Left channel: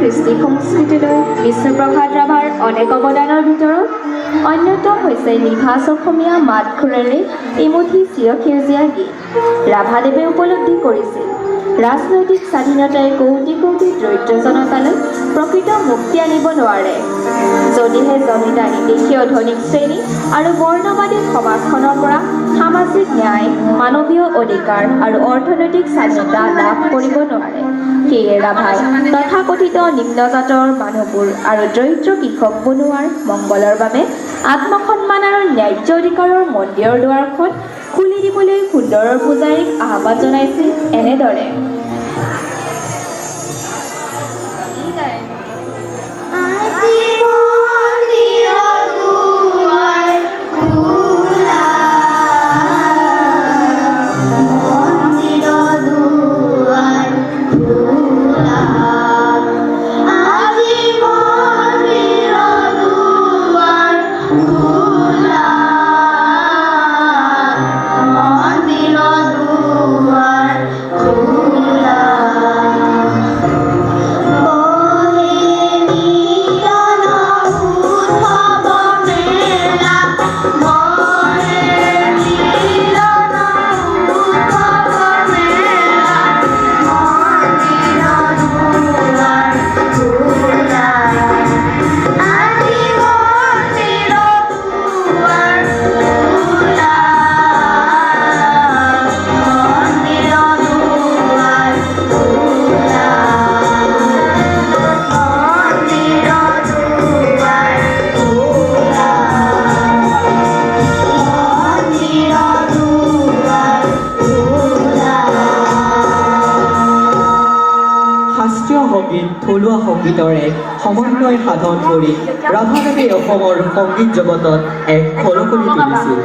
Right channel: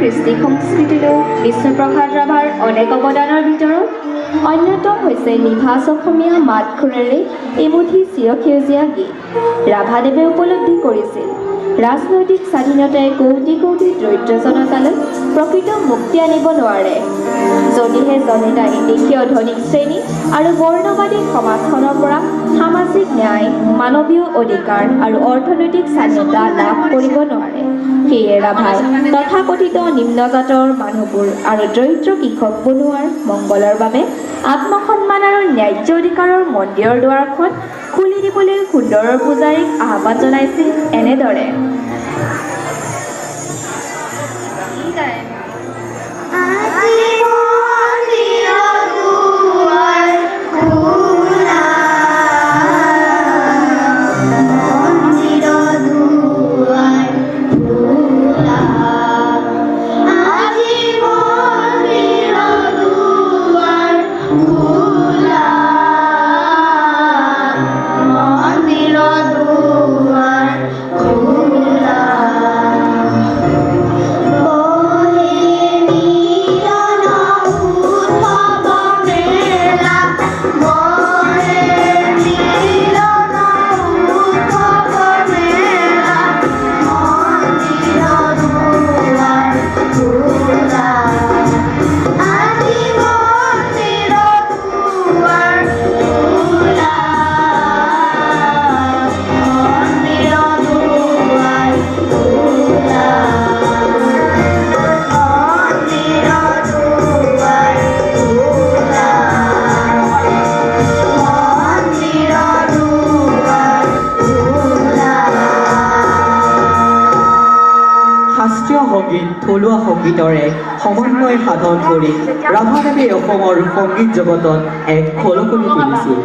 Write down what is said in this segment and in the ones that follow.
কৃষ্টি সংস্কৃতিলৈ বিষ্ণুপ্ৰসাদ ৰাভাৰ অনেক অৱদানৰ ভিতৰত অন্যতম হৈছে নিভাঁজ অসমীয়া মাত খুৰেৰে এমুঠি চিৰসেউজীয়া গীত। ৰাভাদেৱে উপলব্ধি কৰিছিল ৰাজনৈতিক স্বাধীনতাই কোটি কোটি দৰিদ্ৰ জনতালৈ প্ৰকৃত মুক্তি আনিব নোৱাৰে যদিহে জনতাই দেশীয় ধনিক শ্ৰেণী আৰু বৰ্ণবাদী সমাজখনৰ পৰা সামাজিক ন্যায়, মানৱীয় অধিকাৰ আৰু অৰ্থনৈতিক স্বাধীনতা লাভ কৰিব নোৱাৰে। সেয়ে ৰাভাই তথাকথিত নিম্নজাতৰ মানুহবোৰ আৰু দৰিদ্ৰ কৃষক বনুৱাৰ মংগলৰ বাবে আত্মসন্মান আৰু ন্যায্য অধিকাৰৰ মন্দিৰৰ দুৱাৰখন খুলি দিবলৈ সুন্দৰৰ পূজাৰীক আহ্বান জনাইছিল এনেদৰে। থলুৱা সংগীতৰে সমন্বয় সাধন কৰি ৰাভাদেৱে অসমৰ সংগীত জগতত এক খলকনি তুলিছিল।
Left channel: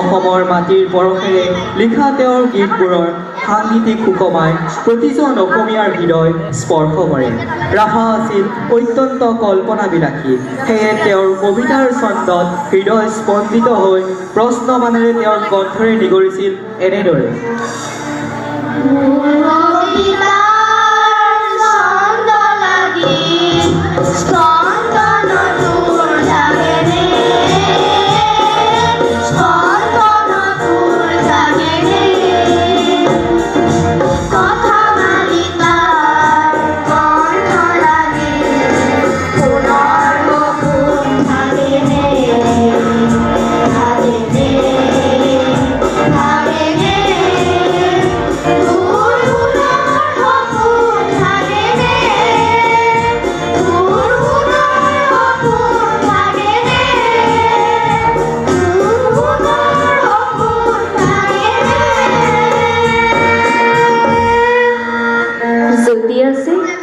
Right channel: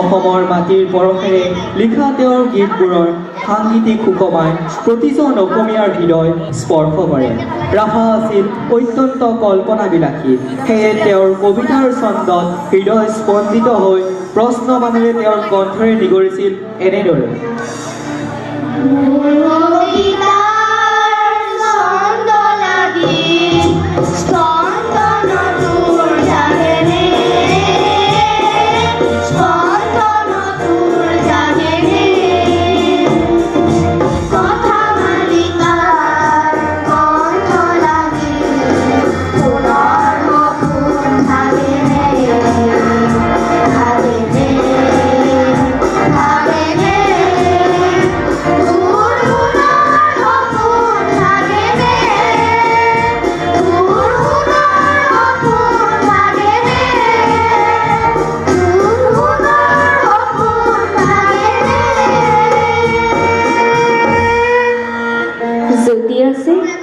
অসমৰ মাটিৰ পৰশেৰে লিখা তেওঁৰ গীতবোৰৰ সাংগীতিক সুকমাই প্ৰতিজন অসমীয়াৰ হৃদয় স্পৰ্শ কৰে। ৰাভা আছিল অত্যন্ত কল্পনাবিলাসী, সেয়ে তেওঁৰ কবিতাৰ ছন্দত হৃদয় স্পন্দিত হৈ প্ৰশ্নমানেৰে তেওঁৰ কণ্ঠৰে নিগৰিছিল এনেদৰে।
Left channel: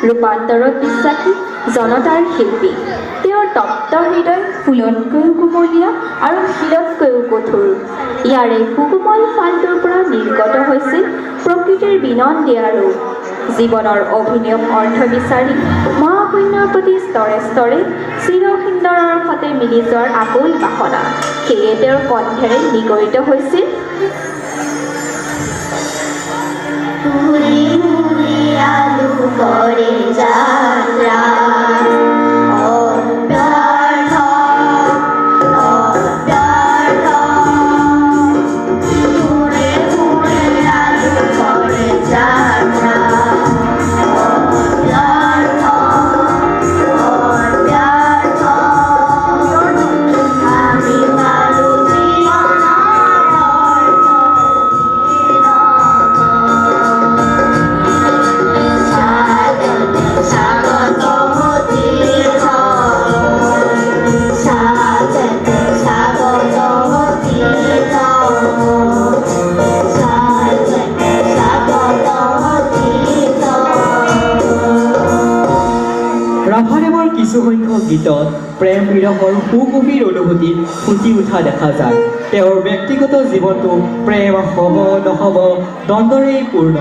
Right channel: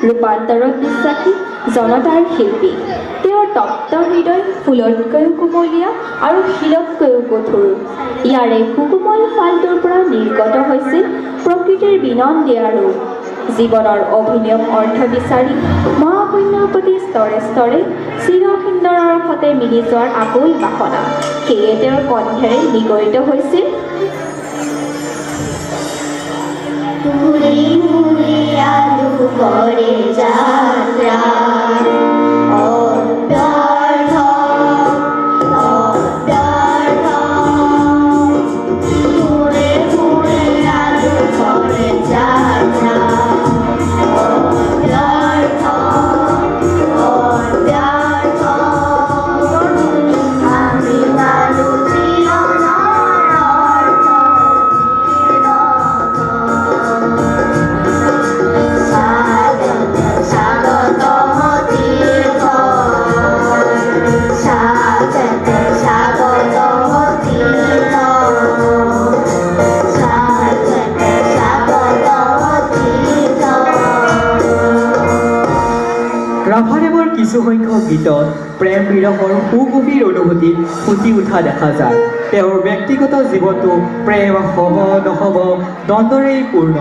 ৰূপান্তৰত বিশ্বাসী জনতাৰ শিল্পী, তেওঁৰ তপ্ত হৃদয় ফুলতকৈও কোমলীয়া আৰু শিলতকৈও কঠোৰ। ইয়াৰে সুকোমল ফালটোৰ পৰা নিৰ্গত হৈছিল প্ৰকৃতিৰ বিনন্দীয়া ৰূপ। জীৱনৰ অভিনৱ অৰ্থ বিচাৰি মহাশূন্যৰ প্ৰতি স্তৰে স্তৰে চিৰসুন্দৰৰ সতে মিলি যোৱাৰ আকুল বাসনা, সেয়ে তেওঁৰ কণ্ঠেৰে নিগৰিত হৈছিল কৰে যাত্ৰা কিছুসংখ্যক গীতত প্ৰেম বিৰহৰ সুগভীৰ অনুভূতি ফুটি উঠা দেখা যায়। তেওঁৰ ব্যক্তিগত জীৱনটো প্ৰেম হ'ব নহ'ব দ্বন্দ্বৰেই পূৰ্ণ,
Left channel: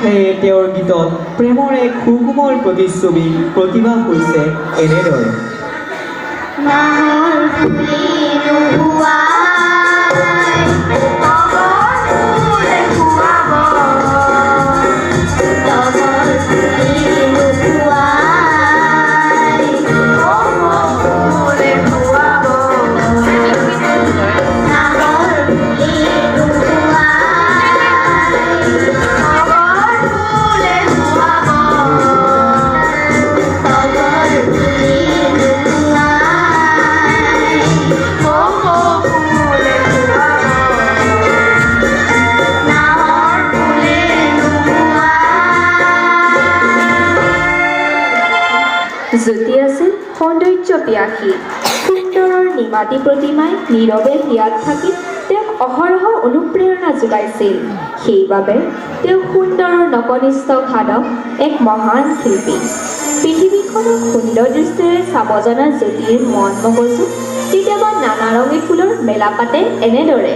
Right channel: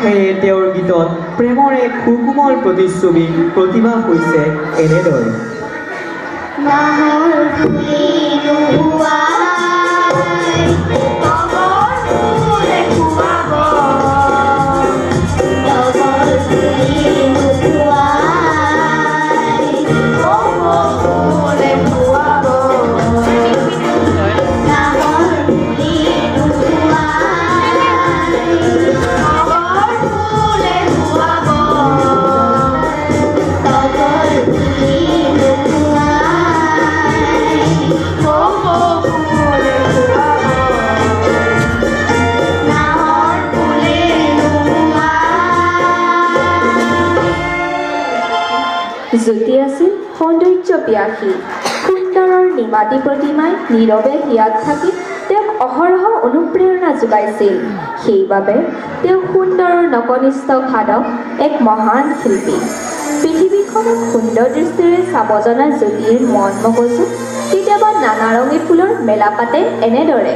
সেয়ে তেওঁৰ গীতত প্ৰেমৰ এক সুকোমল প্ৰতিচ্ছবি প্ৰতিভা হৈছে এনেদৰে। জ্যোতি আছিল সৌন্দৰ্য পিয়াসী সুন্দৰৰ নিমাতী প্ৰতিমাই নীৰৱে হিয়াত থাকি তেওঁক অহৰহ অনুপ্ৰেৰণা যোগাইছিল সেইবাবে তেওঁ সুন্দৰৰ নকনিষ্ঠ সাধক এক মহান শিল্পী পৃথিৱীখনক সুন্দৰ দৃষ্টিৰে চাব জনা জ্যোতিৰ মন মগজু কেতিয়াবা নানা ৰঙী ফুলৰ মেলা পাতে এনেদৰে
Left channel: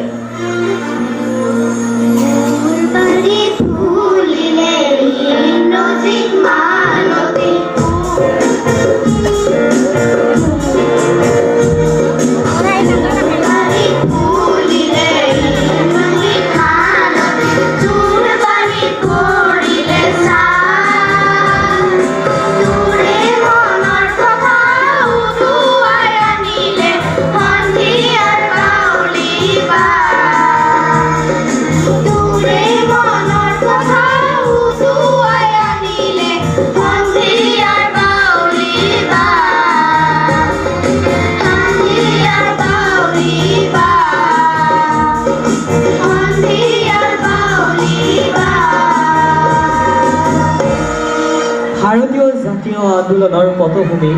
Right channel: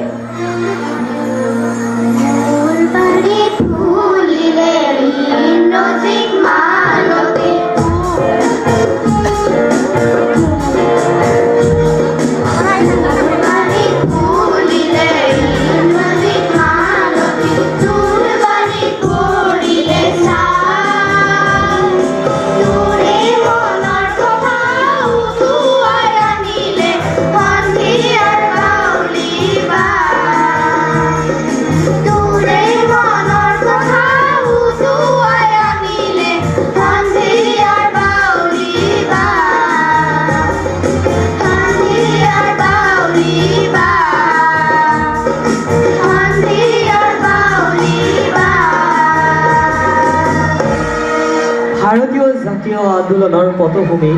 ভাৰতীয় জাতীয় আন্দোলনৰ পটভূমি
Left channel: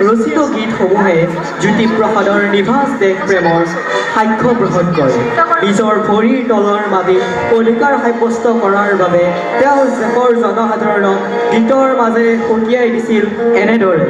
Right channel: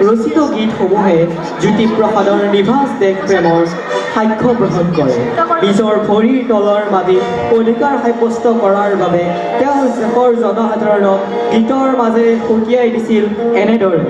ৰচিত গীতসমূহে জ্যোতিপ্ৰসাদৰ নিভাঁজ দেশ প্ৰেমৰ সাক্ষ্য গ্ৰহণ কৰে নিজৰ ভৰিৰ তলৰ মাটিত অধিকাৰ সাব্যস্ত কৰাৰ বাবে তেওঁ দেশৰ জনসাধাৰণক গীতৰ মাজেৰে সকীয়াই দিছিল এনেদৰে